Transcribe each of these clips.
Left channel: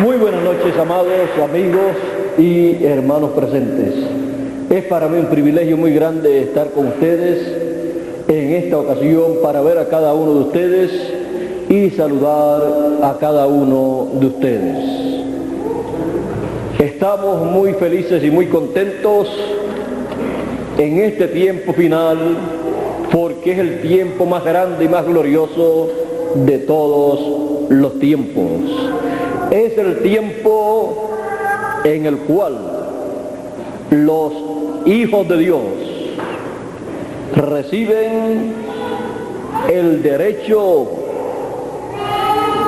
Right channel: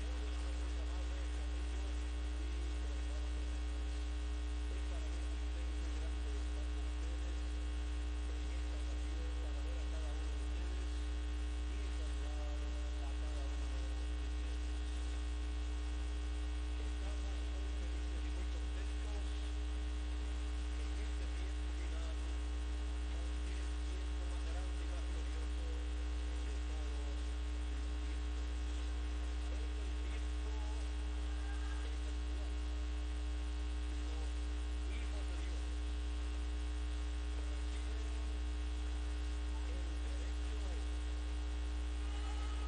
Muy buenas noches, amados amigos y hermanos presentes. Es para mí un privilegio muy grande estar con ustedes en esta ocasión para ver a cada uno de ustedes y saludar a cada uno de ustedes. Estamos muy felices y muy contentos en este tiempo final porque es el tiempo más grande y más glorioso de todos los tiempos. Es el tiempo en el cual los hijos de Dios reciben el derecho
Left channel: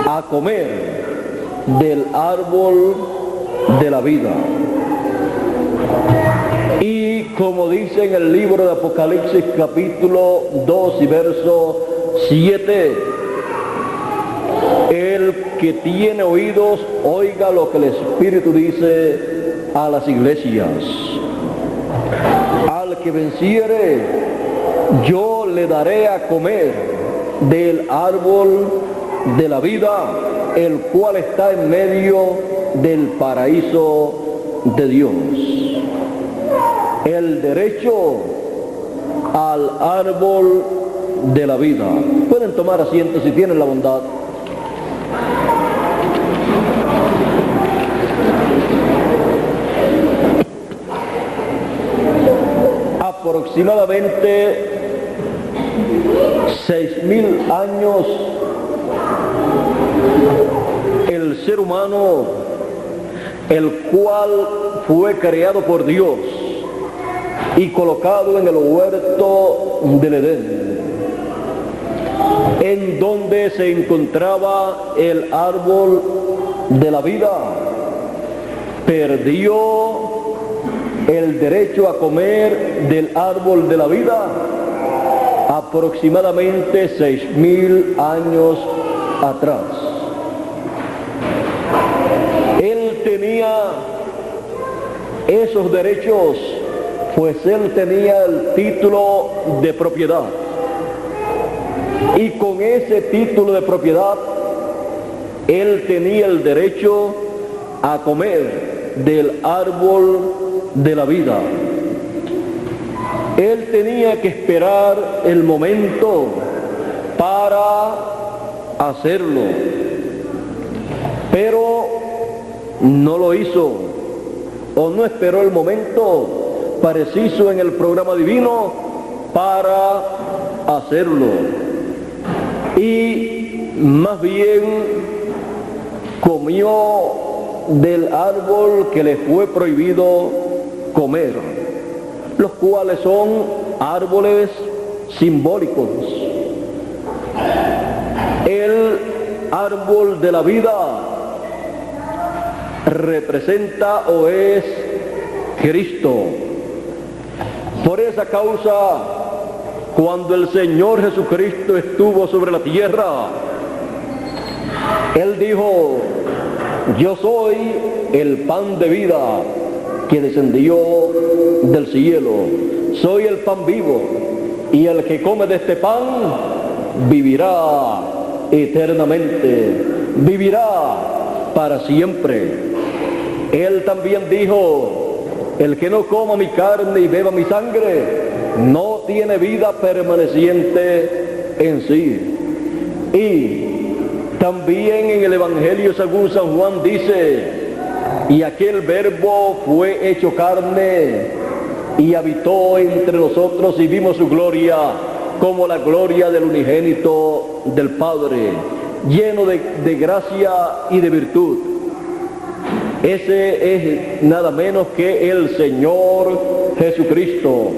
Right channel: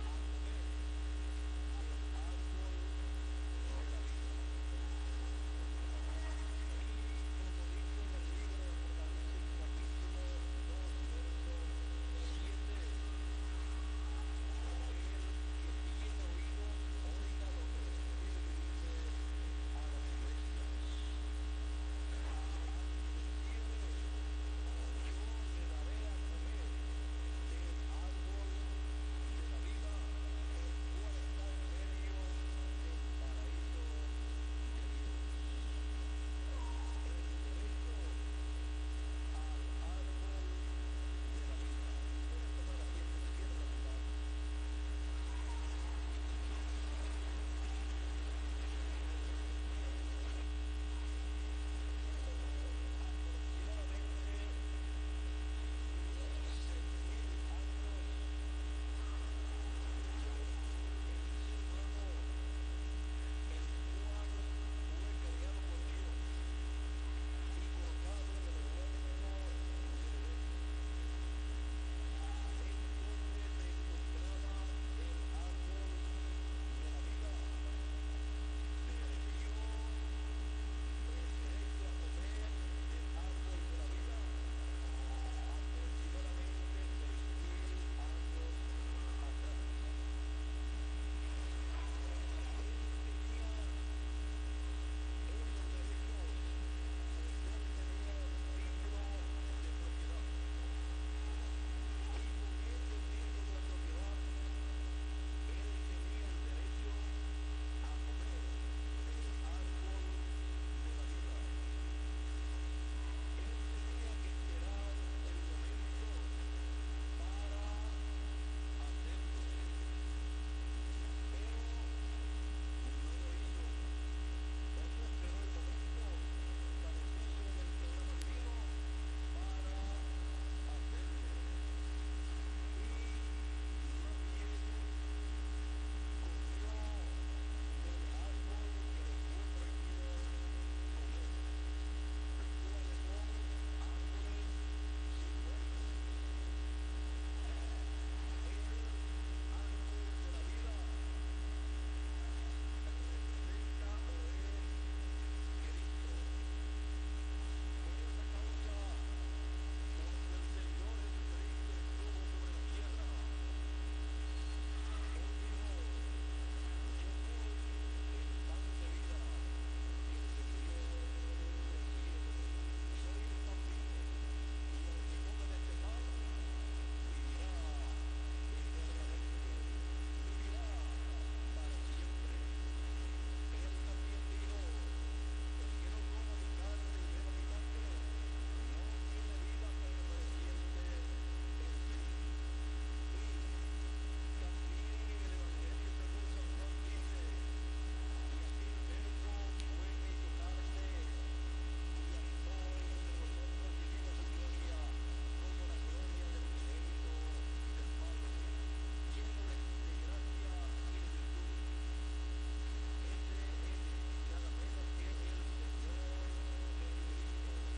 a comer del árbol de la vida. Y como dice en el libro de Apocalipsis capítulo 2 y verso 7, el que tiene oídos, oiga lo que el Espíritu dice a las iglesias. Al que venciere, yo le daré a comer del árbol de la vida, el cual está en medio del paraíso de Dios. El derecho al árbol de la vida. Pueden tomar asiento si tienen la bondad. Aproximadamente 6.000 años el ser humano, el cual fue creado por Dios y colocado en el huerto del Edén, en donde se encontraba el árbol de la vida, perdió el derecho a comer del árbol de la vida aproximadamente 6.000 años atrás. Él tenía esos derechos, pues él tenía el título de propiedad. Y con ese título de propiedad, él tenía el derecho a comer del árbol de la vida. Él tenía que esperar el momento para hacerlo, pero no lo hizo, o no esperó el momento preciso en el programa divino para hacerlo, y más bien comió del árbol que le fue prohibido comer, los cuales son árboles simbólicos. El árbol de la vida representa o es Cristo. Por esa causa, cuando el Señor Jesucristo estuvo sobre la tierra, Él dijo: yo soy el pan de vida que descendió del cielo. Soy el pan vivo, y el que come de este pan vivirá eternamente, vivirá para siempre. Él también dijo: el que no coma mi carne y beba mi sangre no tiene vida permaneciente en sí. Y también en el Evangelio según San Juan dice: y aquel verbo fue hecho carne y habitó entre nosotros, y vimos su gloria como la gloria del unigénito del Padre, lleno de gracia y de virtud. Ese es nada menos que el Señor Jesucristo,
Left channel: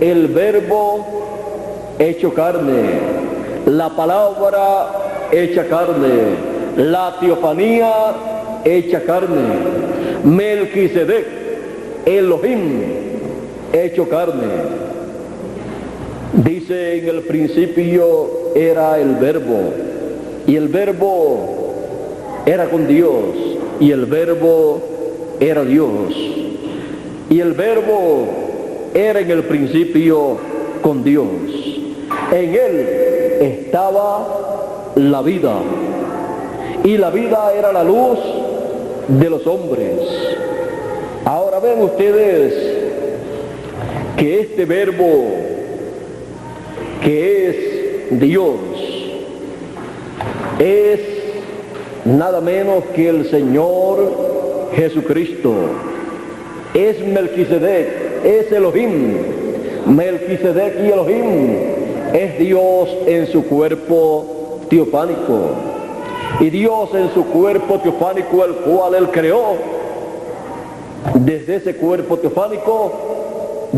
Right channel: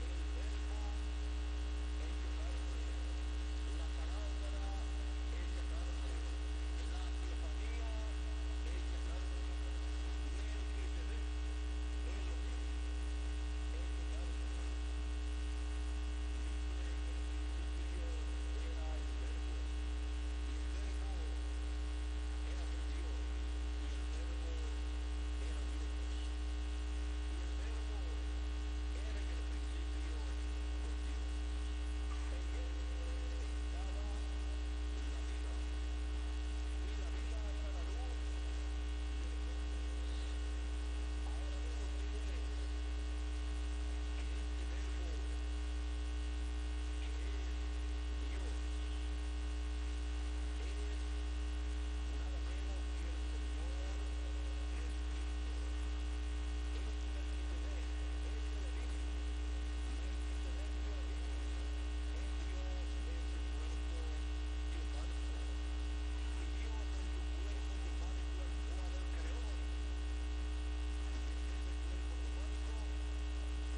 el verbo hecho carne, la palabra hecha carne, la teofanía hecha carne, Melquisedec, Elohim hecho carne. Dice: en el principio era el verbo, y el verbo era con Dios, y el verbo era Dios, y el verbo era en el principio con Dios. En él estaba la vida, y la vida era la luz de los hombres. Ahora ven ustedes que este verbo que es Dios es nada menos que el Señor Jesucristo. Es Melquisedec, es Elohim. Melquisedec y Elohim es Dios en su cuerpo teofánico. Y Dios en su cuerpo teofánico, el cual Él creó, desde ese cuerpo teofánico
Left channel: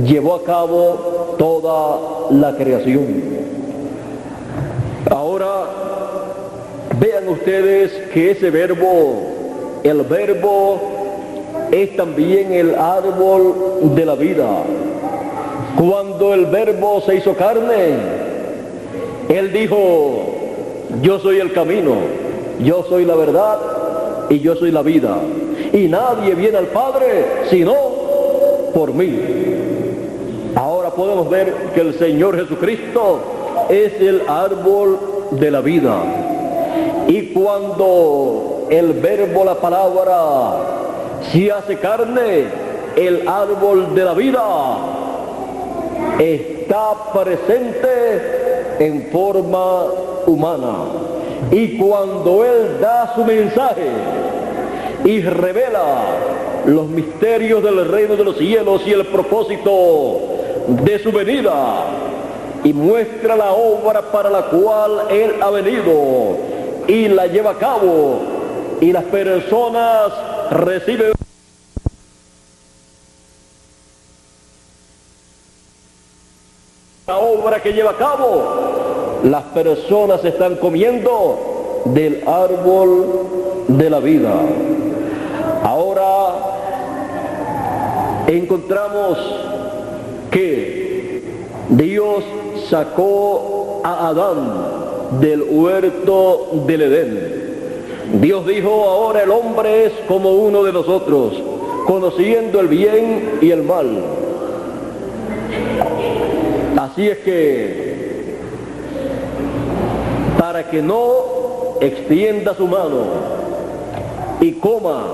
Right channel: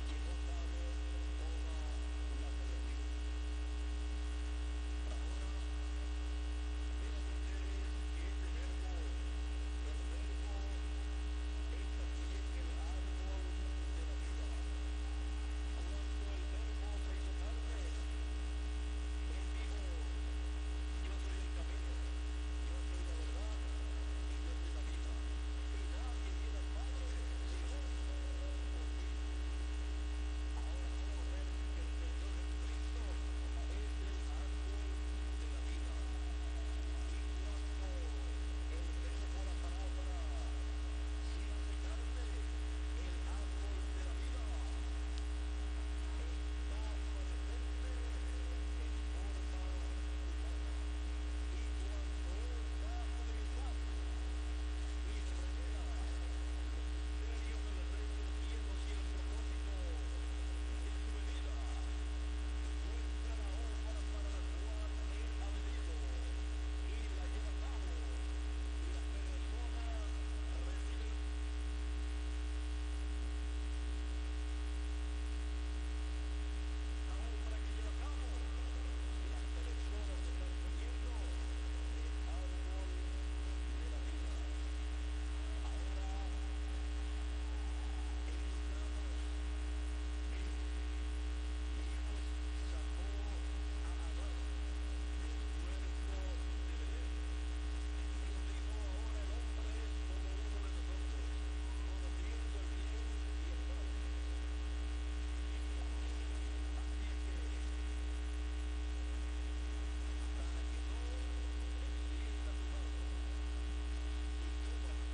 llevó a cabo toda la creación. Ahora vean ustedes que ese verbo, el verbo es también el árbol de la vida. Cuando el verbo se hizo carne, Él dijo: yo soy el camino, yo soy la verdad y yo soy la vida. Y nadie viene al Padre sino por mí. Ahora podemos ver que el Señor Jesucristo es el árbol de la vida. Y cuando el verbo, la palabra, se hace carne, el árbol de la vida está presente en forma humana. Y cuando Él da su mensaje y revela los misterios del reino de los cielos y el propósito de su venida, y muestra la obra para la cual Él ha venido y la lleva a cabo, y las personas reciben la obra que lleva a cabo, las personas están comiendo del árbol de la vida. Ahora encontramos que Dios sacó a Adán del huerto del Edén. Dios dijo: ahora el hombre es como uno de nosotros, conociendo el bien y el mal. Así es que, para que no extienda su mano y coma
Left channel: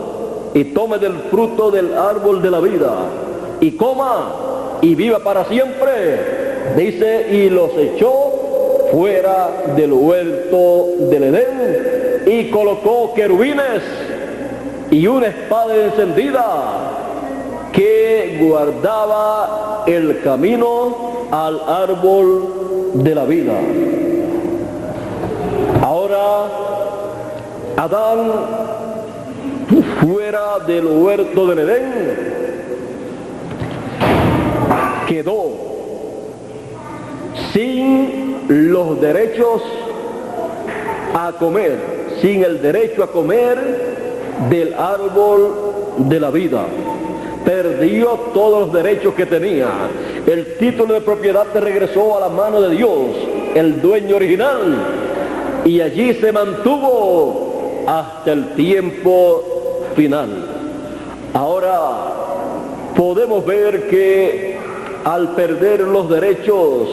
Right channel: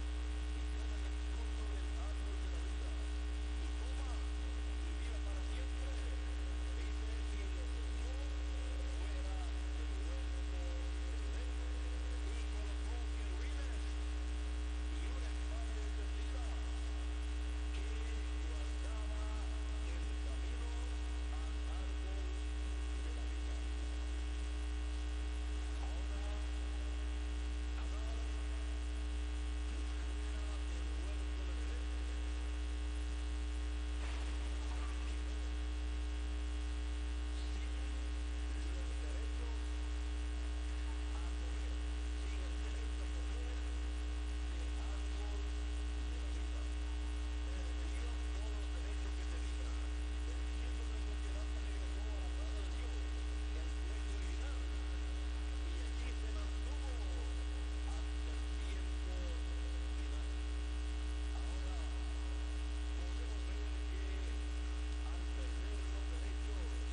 y tome del fruto del árbol de la vida, y coma y viva para siempre, dice, y los echó fuera del huerto del Edén, y colocó querubines y una espada encendida que guardaba el camino al árbol de la vida. Ahora Adán, fuera del huerto del Edén, quedó sin los derechos a comer, sin el derecho a comer del árbol de la vida. Perdió todos los derechos que tenía. El título de propiedad le regresó a la mano de Dios, el dueño original, y allí se mantuvo hasta el tiempo final. Ahora podemos ver que al perder los derechos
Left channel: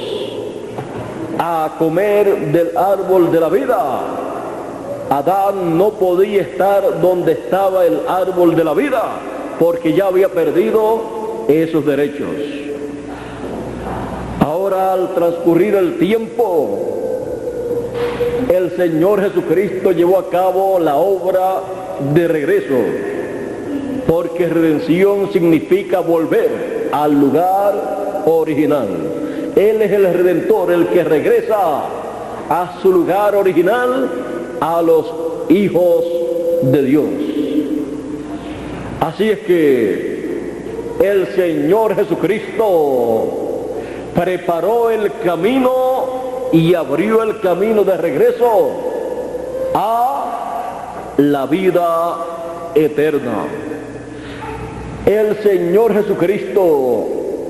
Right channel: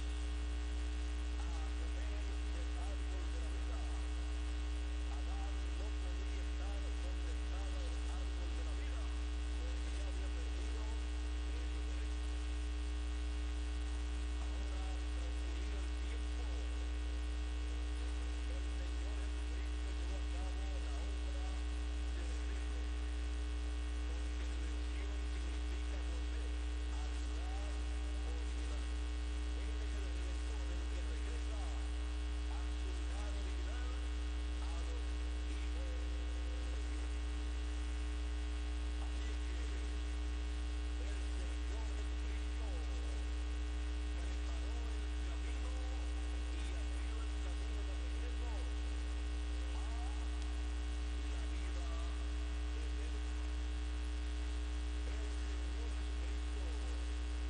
a comer del árbol de la vida, Adán no podía estar donde estaba el árbol de la vida, porque ya había perdido esos derechos. Ahora, al transcurrir el tiempo, el Señor Jesucristo llevó a cabo la obra de regreso, porque redención significa volver al lugar original. Él es el Redentor, el que regresa a su lugar original a los hijos de Dios. Así es que el Señor Jesucristo preparó el camino y abrió el camino de regreso a la vida eterna. El Señor Jesucristo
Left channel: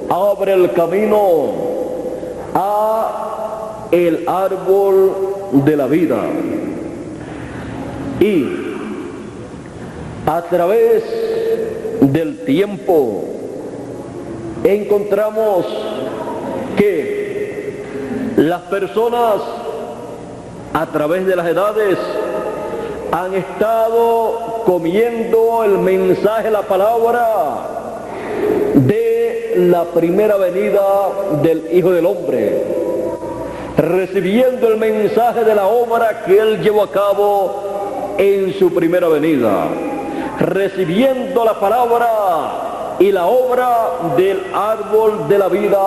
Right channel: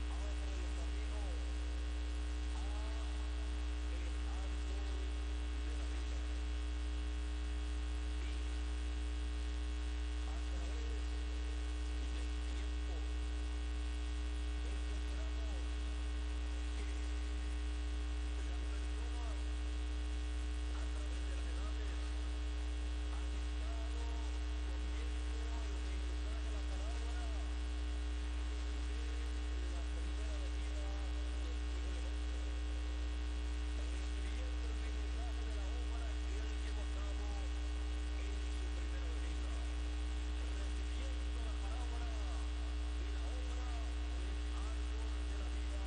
abre el camino a el árbol de la vida, y a través del tiempo encontramos que las personas a través de las edades han estado comiendo el mensaje, la palabra de la primera venida del Hijo del Hombre, recibiendo el mensaje de la obra que Él llevó a cabo en su primera venida, recibiendo la palabra y la obra del árbol de la vida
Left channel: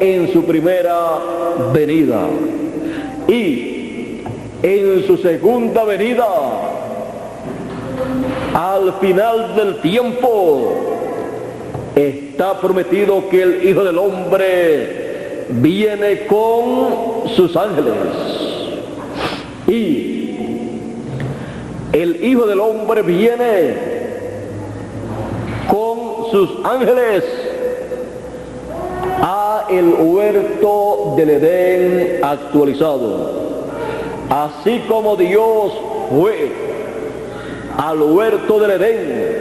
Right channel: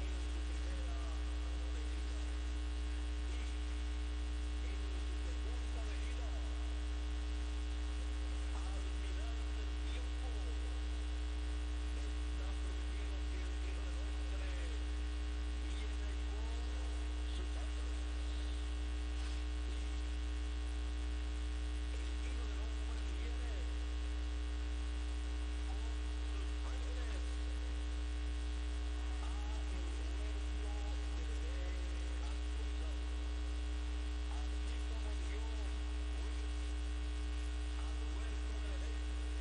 en su primera venida. Y en su segunda venida, al final del tiempo, está prometido que el Hijo del Hombre viene con sus ángeles. Y el Hijo del Hombre viene con sus ángeles a el huerto del Edén actualizado. Así como Dios fue al huerto del Edén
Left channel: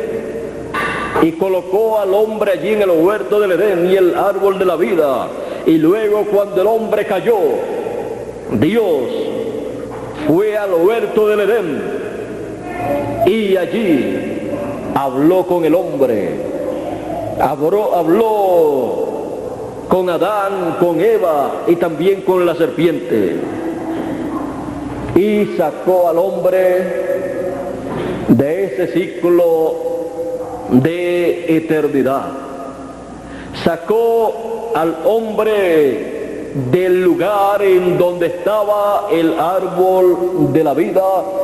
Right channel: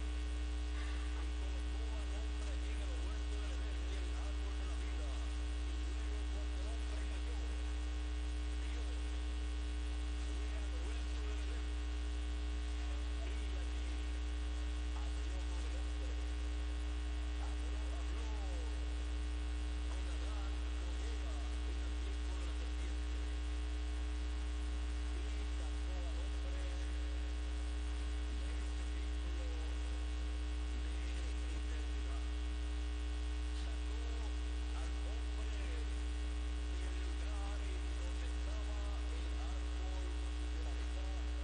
y colocó al hombre allí en el huerto del Edén y el árbol de la vida, y luego cuando el hombre cayó, Dios fue al huerto del Edén y allí habló con el hombre, habló con Adán, con Eva y también con la serpiente, y sacó al hombre de ese ciclo de eternidad. Sacó al hombre del lugar en donde estaba el árbol de la vida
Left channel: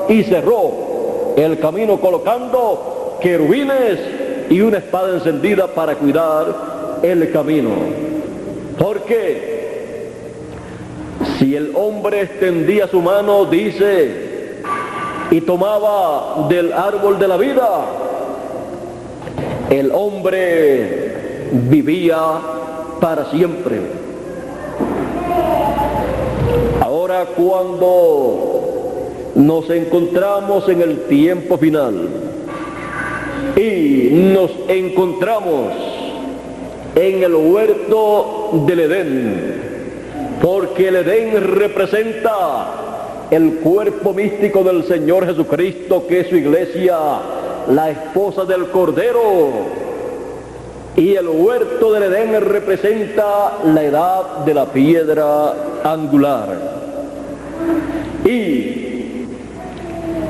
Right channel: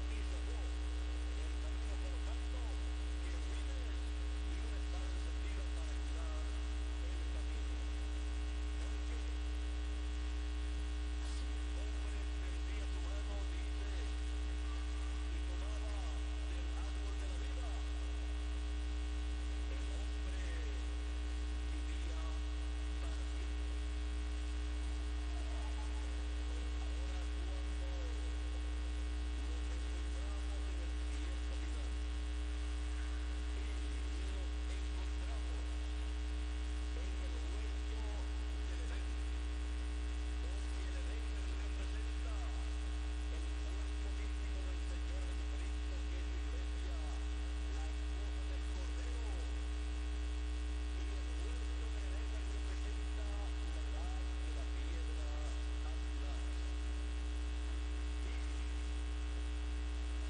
y cerró el camino colocando querubines y una espada encendida para cuidar el camino. Porque si el hombre extendía su mano, dice, y tomaba del árbol de la vida, el hombre vivía para siempre. Ahora, cuando nos encontramos en el tiempo final y nos encontramos en el huerto del Edén, porque el Edén representa el cuerpo místico del Señor Jesucristo, que es su iglesia, la esposa del Cordero, y el huerto del Edén representa la edad de la piedra angular. Y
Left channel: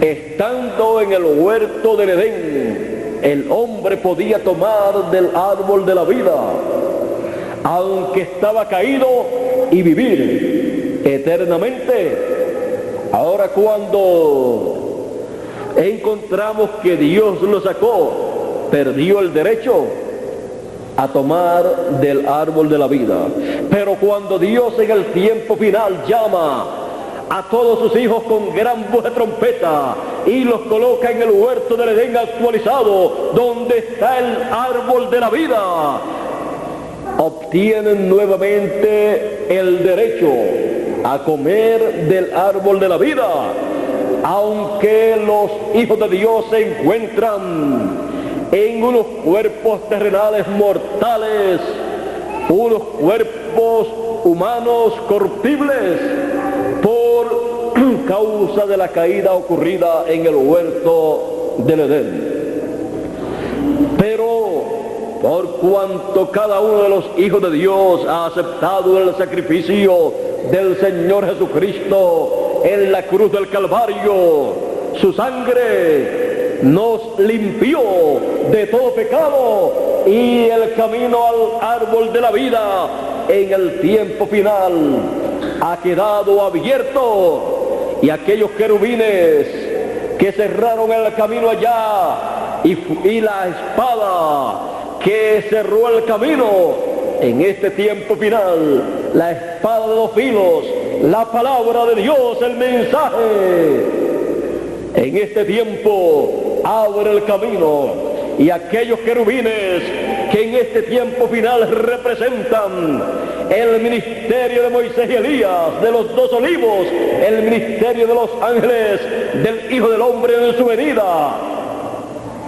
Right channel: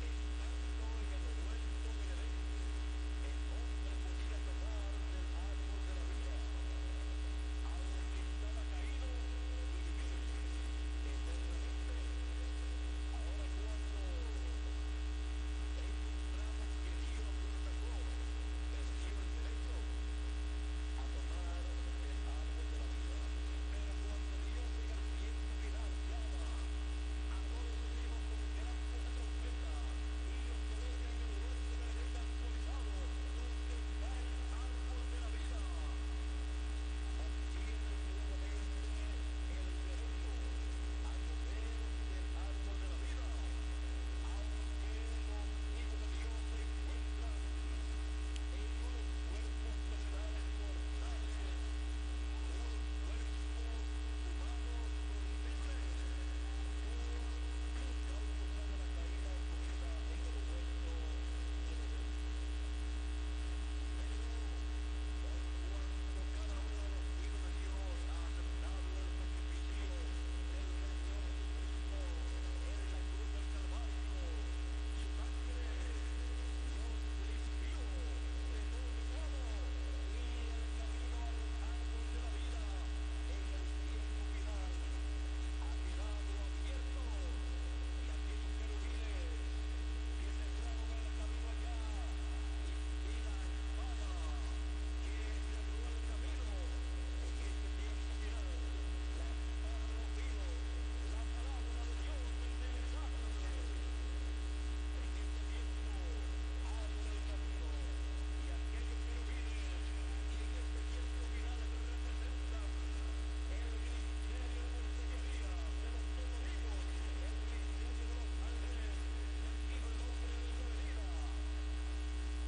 estando en el huerto del Edén, el hombre podía tomar del árbol de la vida, aunque estaba caído, y vivir eternamente. Ahora, cuando encontramos que Dios lo sacó, perdió el derecho a tomar del árbol de la vida. Pero cuando Dios en el tiempo final llama a todos sus hijos con gran voz de trompeta y los coloca en el huerto del Edén actualizado, donde está el árbol de la vida, obtienen nuevamente el derecho a comer del árbol de la vida, aunque los hijos de Dios se encuentran en unos cuerpos terrenales mortales, unos cuerpos humanos corruptibles, por causa de la caída ocurrida en el huerto del Edén. Pero por cuanto cada uno de los hijos de Dios ha aceptado el sacrificio del Señor Jesucristo en la cruz del Calvario, su sangre nos limpió de todo pecado, y el camino al árbol de la vida en el tiempo final ha quedado abierto, y aquellos querubines que cerraron el camino allá y la espada que cerró el camino en este tiempo final, la espada de dos filos, la palabra de Dios, el mensaje, en este tiempo abre el camino, y aquellos querubines que en este tiempo final representan el ministerio de Moisés y Elías, de los dos olivos, el ministerio de los ángeles, del Hijo del Hombre en su venida,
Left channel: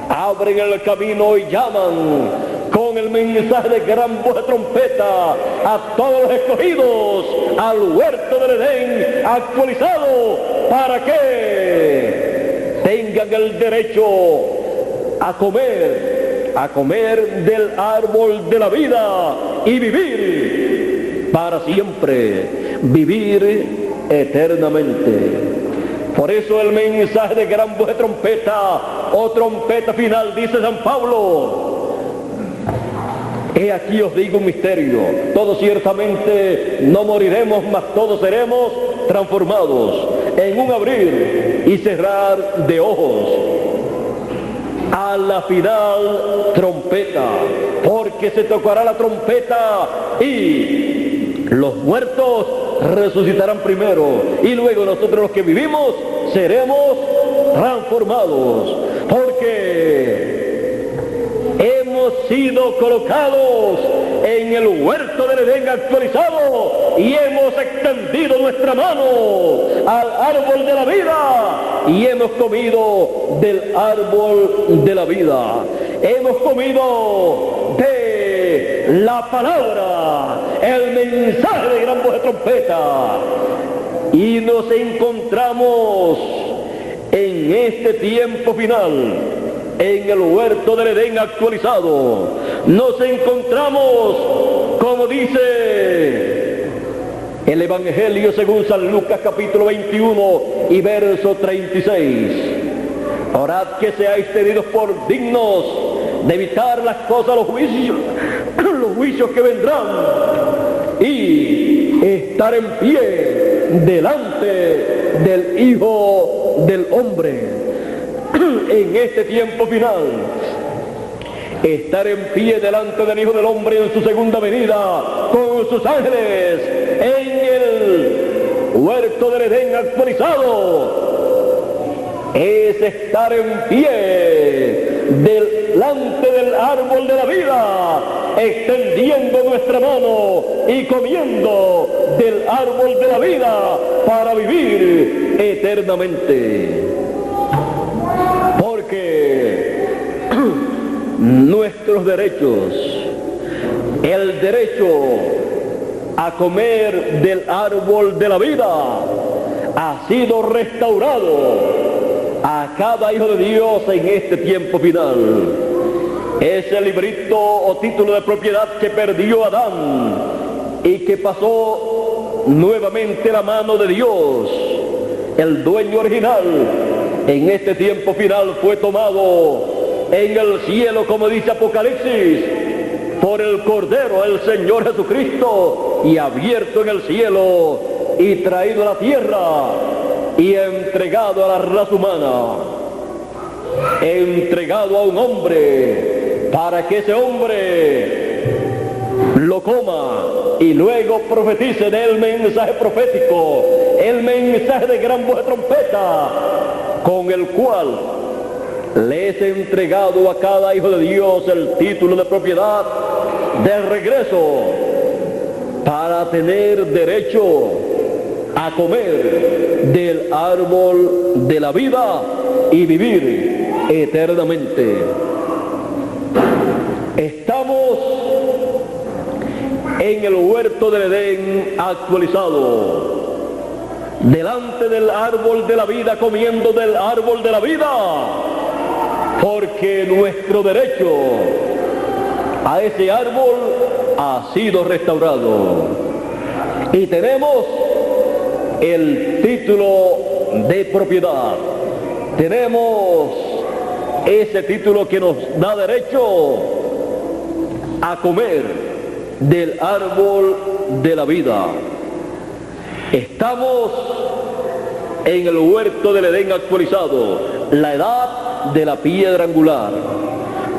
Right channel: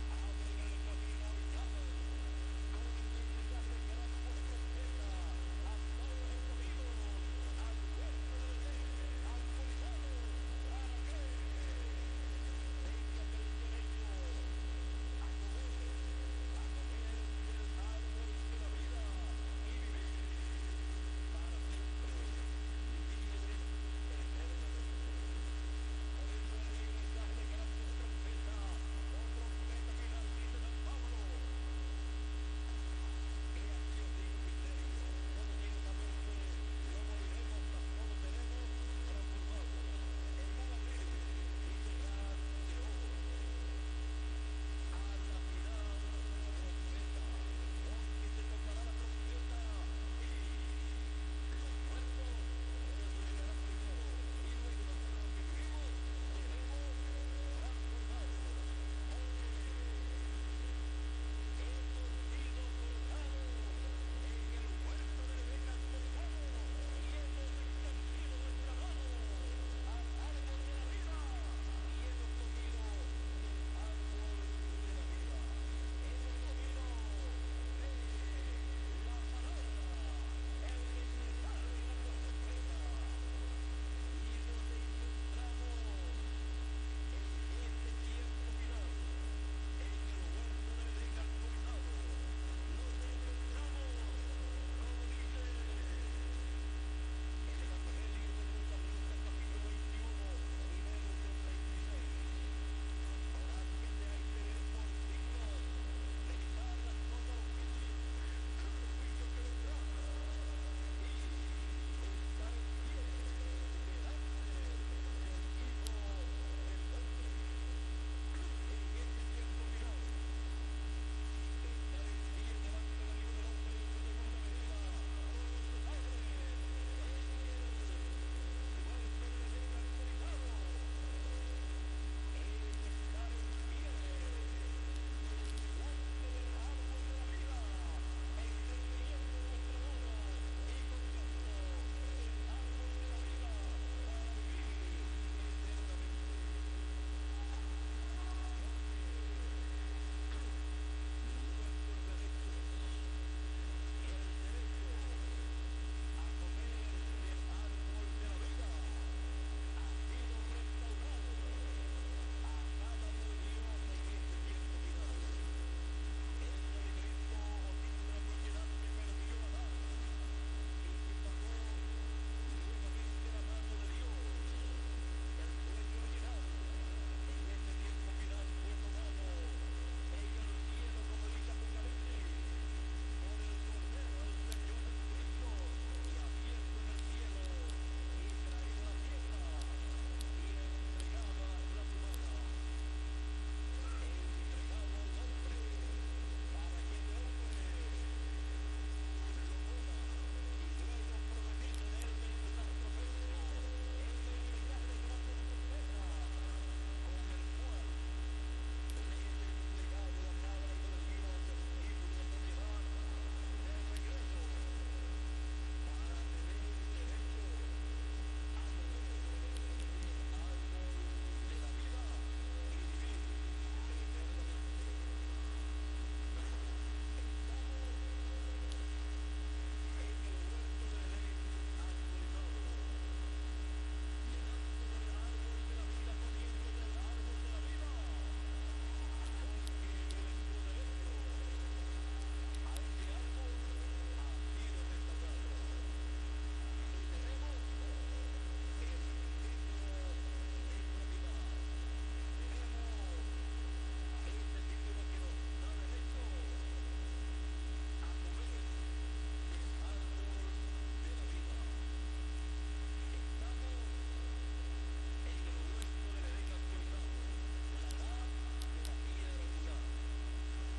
abren el camino y llaman con el mensaje de gran voz de trompeta a todos los escogidos al huerto del Edén actualizado, para que tengan el derecho a comer del árbol de la vida y vivir para siempre, vivir eternamente. Por eso el mensaje de gran voz de trompeta, o trompeta final, dice San Pablo: he aquí os digo un misterio, todos ciertamente no moriremos, mas todos seremos transformados en un abrir y cerrar de ojos, a la final trompeta, porque se tocará la trompeta y los muertos resucitarán primero, y luego nosotros los que vivimos seremos transformados, porque hemos sido colocados en el huerto del Edén actualizado y hemos extendido nuestra mano al árbol de la vida y hemos comido del árbol de la vida, hemos comido de la palabra, el mensaje de gran voz de trompeta, y nos encontramos en este tiempo final en el huerto del Edén actualizado. Nos encontramos, como dice el Evangelio según San Lucas capítulo 21 y verso 36: orad que seáis tenidos por dignos de evitar las cosas, los juicios que vendrán, y estar en pie delante del Hijo del Hombre. En este tiempo final, estar en pie delante del Hijo del Hombre en su segunda venida con sus ángeles en el huerto del Edén actualizado, es estar en pie delante del árbol de la vida, extendiendo nuestra mano y comiendo del árbol de la vida para vivir eternamente. Porque nuestros derechos, el derecho a comer del árbol de la vida, ha sido restaurado a cada hijo de Dios en este tiempo final. Ese librito o título de propiedad que perdió Adán y que pasó nuevamente a la mano de Dios, el dueño original, en este tiempo final fue tomado en el cielo, como dice Apocalipsis, por el Cordero, el Señor Jesucristo, y abierto en el cielo y traído a la tierra y entregado a la raza humana, entregado a un hombre para que ese hombre lo coma y luego profetice del mensaje profético, el mensaje de gran voz de trompeta, con el cual le es entregado a cada hijo de Dios el título de propiedad de regreso para tener derecho a comer del árbol de la vida y vivir eternamente. Estamos en el huerto del Edén actualizado, delante del árbol de la vida, comiendo del árbol de la vida, porque nuestro derecho a ese árbol ha sido restaurado y tenemos el título de propiedad, tenemos ese título que nos da derecho a comer del árbol de la vida. Estamos en el huerto del Edén actualizado, la edad de la piedra angular,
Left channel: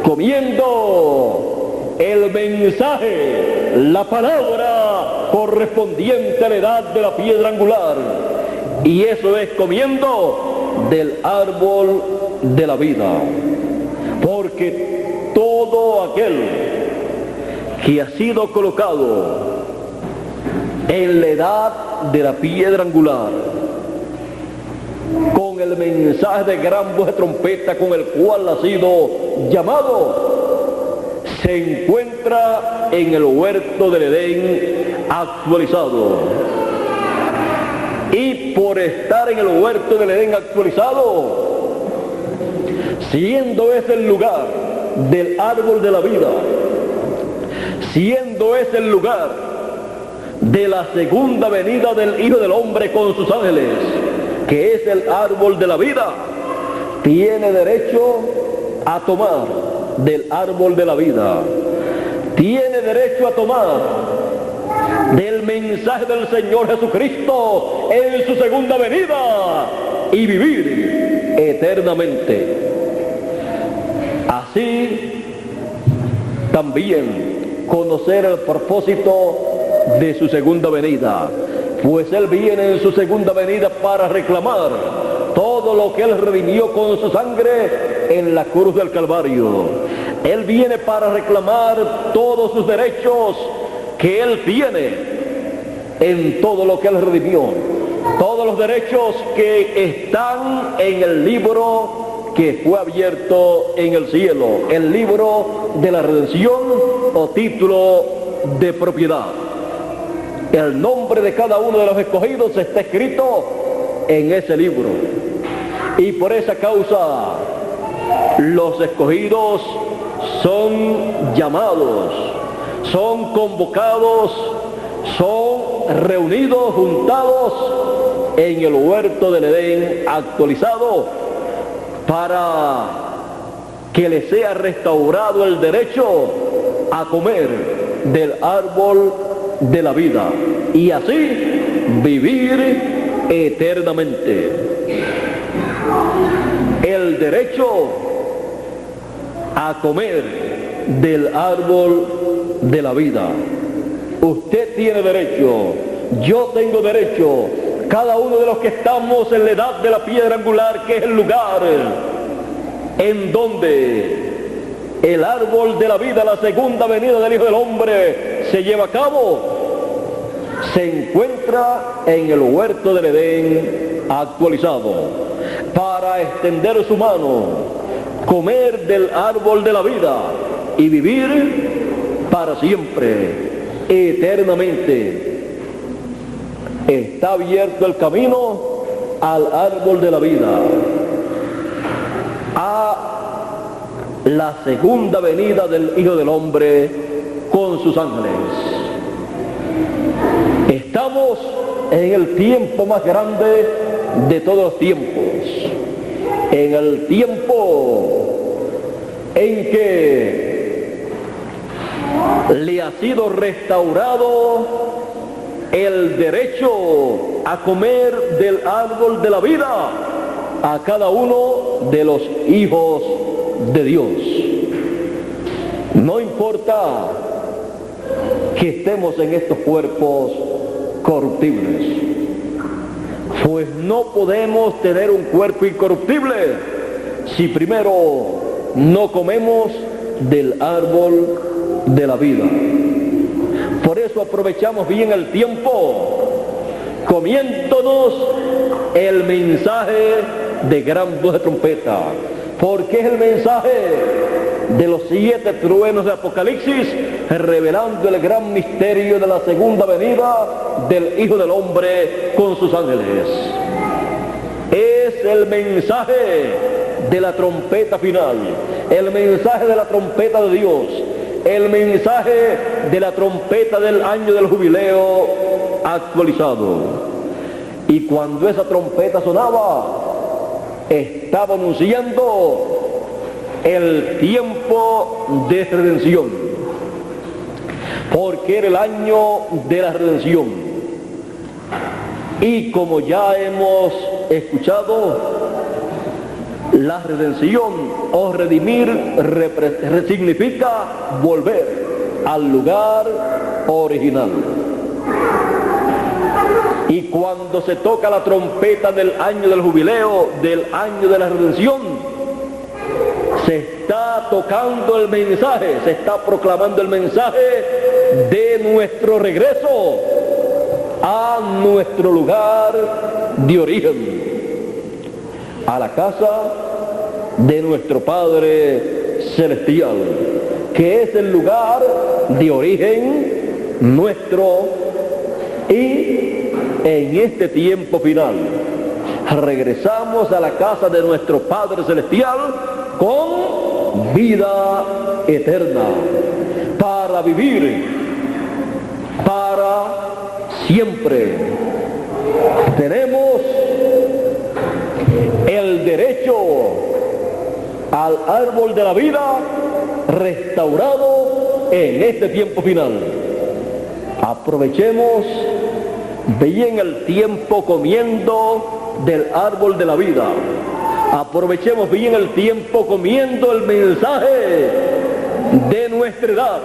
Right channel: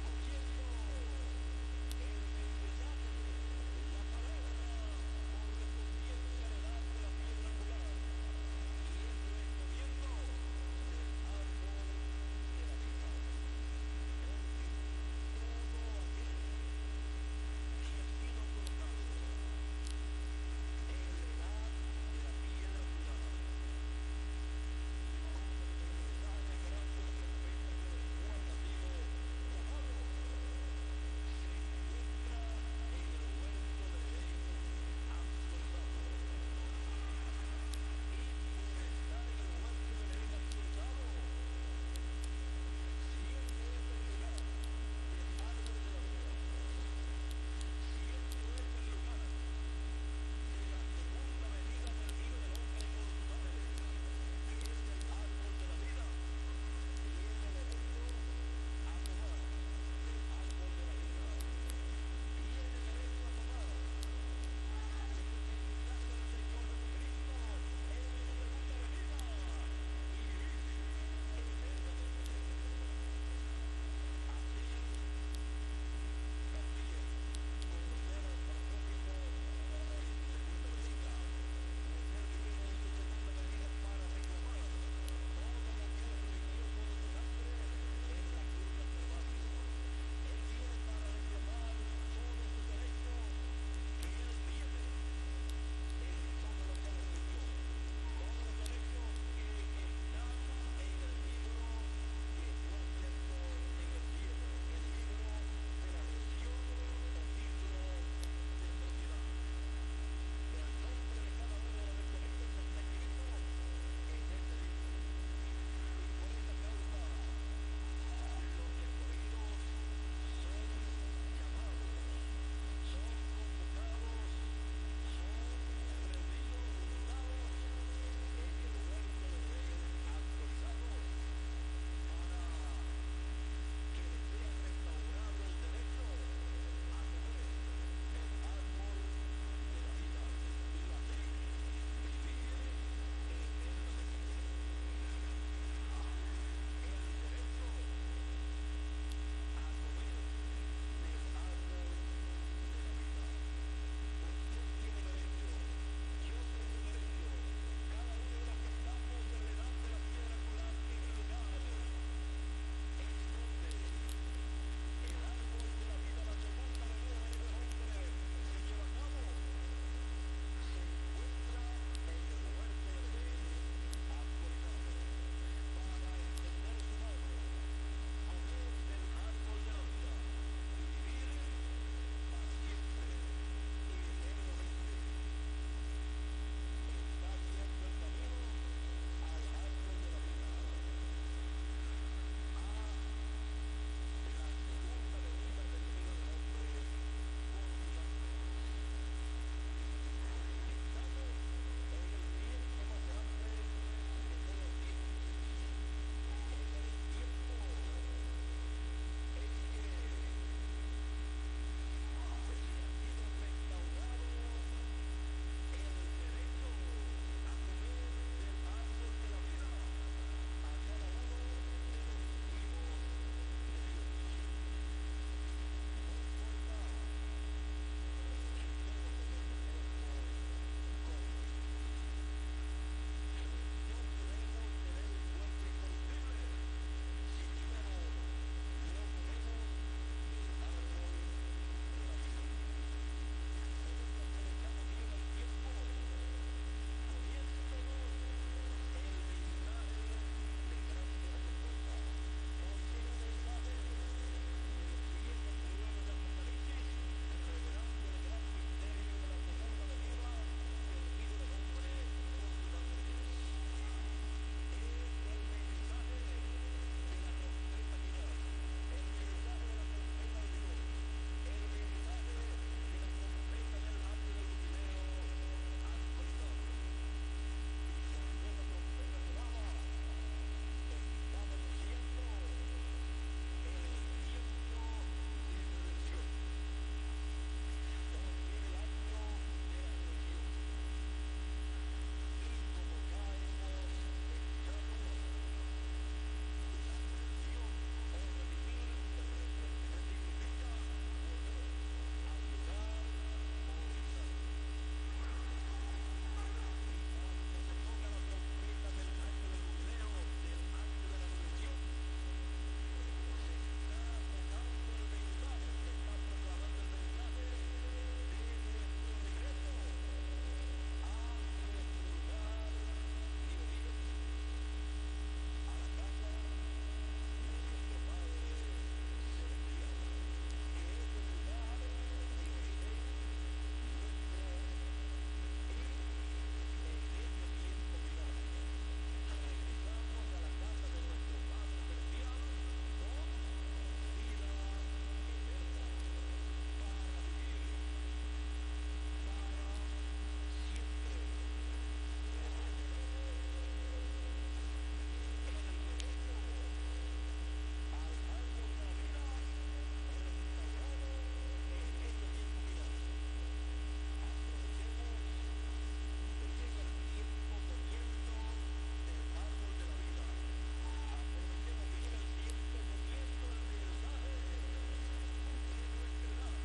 comiendo el mensaje, la palabra correspondiente a la edad de la piedra angular, y eso es comiendo del árbol de la vida, porque todo aquel que ha sido colocado en la edad de la piedra angular, con el mensaje de gran voz de trompeta con el cual ha sido llamado, se encuentra en el huerto del Edén actualizado. Y por estar en el huerto del Edén actualizado, siendo ese el lugar del árbol de la vida, siendo ese el lugar de la segunda venida del Hijo del Hombre con sus ángeles, que es el árbol de la vida, tiene derecho a tomar del árbol de la vida, tiene derecho a tomar del mensaje del Señor Jesucristo en su segunda venida y vivir eternamente. Así también conocer el propósito de su segunda venida, pues Él viene en su segunda venida para reclamar todo lo que Él redimió con su sangre en la cruz del Calvario. Él viene para reclamar todos sus derechos que Él tiene en todo lo que Él redimió, todos los derechos que están en el libro que fue abierto en el cielo, el libro de la redención o título de propiedad. El nombre de cada uno de los escogidos está escrito en ese libro, y por esa causa los escogidos son llamados, son convocados, son reunidos, juntados en el huerto del Edén actualizado, para que les sea restaurado el derecho a comer del árbol de la vida y así vivir eternamente. El derecho a comer del árbol de la vida. Usted tiene derecho, yo tengo derecho, cada uno de los que estamos en la edad de la piedra angular, que es el lugar en donde el árbol de la vida, la segunda venida del Hijo del Hombre se lleva a cabo, se encuentra en el huerto del Edén actualizado, para extender su mano, comer del árbol de la vida y vivir para siempre, eternamente. Está abierto el camino al árbol de la vida, a la segunda venida del Hijo del Hombre con sus ángeles. Estamos en el tiempo más grande de todos los tiempos, en el tiempo en que le ha sido restaurado el derecho a comer del árbol de la vida a cada uno de los hijos de Dios. No importa que estemos en estos cuerpos corruptibles, pues no podemos tener un cuerpo incorruptible si primero no comemos del árbol de la vida. Por eso aprovechamos bien el tiempo, comiéndonos el mensaje de gran voz de trompeta, porque es el mensaje de los 7 truenos de Apocalipsis, revelando el gran misterio de la segunda venida del Hijo del Hombre con sus ángeles. Es el mensaje de la trompeta final, el mensaje de la trompeta de Dios, el mensaje de la trompeta del año del jubileo actualizado. Y cuando esa trompeta sonaba, estaba anunciando el tiempo de redención, porque era el año de la redención. Y como ya hemos escuchado, la redención o redimir significa volver al lugar original. Y cuando se toca la trompeta del año del jubileo, del año de la redención, se está tocando el mensaje, se está proclamando el mensaje de nuestro regreso a nuestro lugar de origen, a la casa de nuestro Padre Celestial, que es el lugar de origen nuestro. Y en este tiempo final, regresamos a la casa de nuestro Padre Celestial con vida eterna, para vivir para siempre. Tenemos el derecho al árbol de la vida restaurado en este tiempo final. Aprovechemos bien el tiempo comiendo del árbol de la vida. Aprovechemos bien el tiempo comiendo el mensaje de nuestra edad,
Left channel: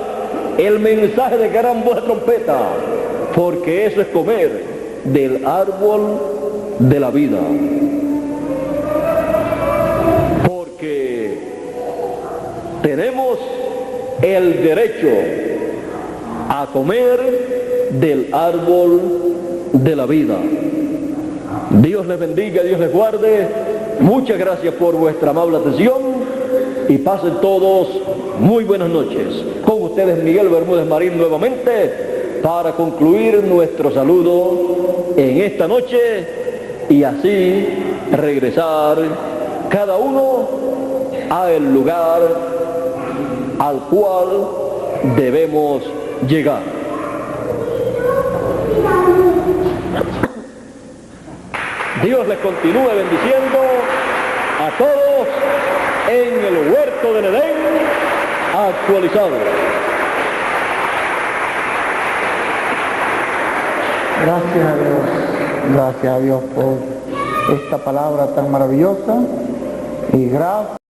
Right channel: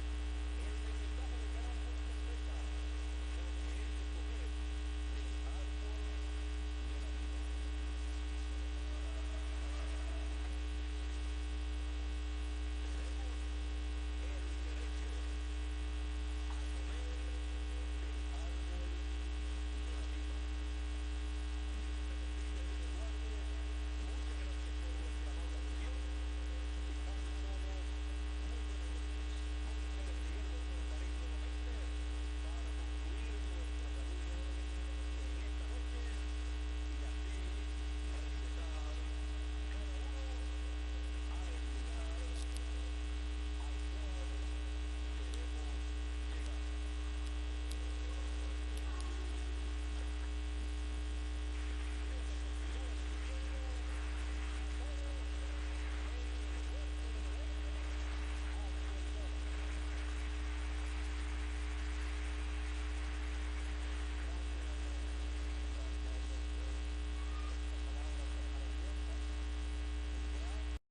el mensaje de gran voz de trompeta, porque eso es comer del árbol de la vida. Porque tenemos el derecho a comer del árbol de la vida. Dios les bendiga, Dios les guarde. Muchas gracias por vuestra amable atención y pasen todos muy buenas noches. Con ustedes Miguel Bermúdez Marín nuevamente para concluir nuestro saludo en esta noche y así regresar cada uno al lugar al cual debemos llegar. Dios les continúe bendiciendo a todos en el huerto del Edén actualizado. Gracias a Dios por esta palabra tan maravillosa y gracias.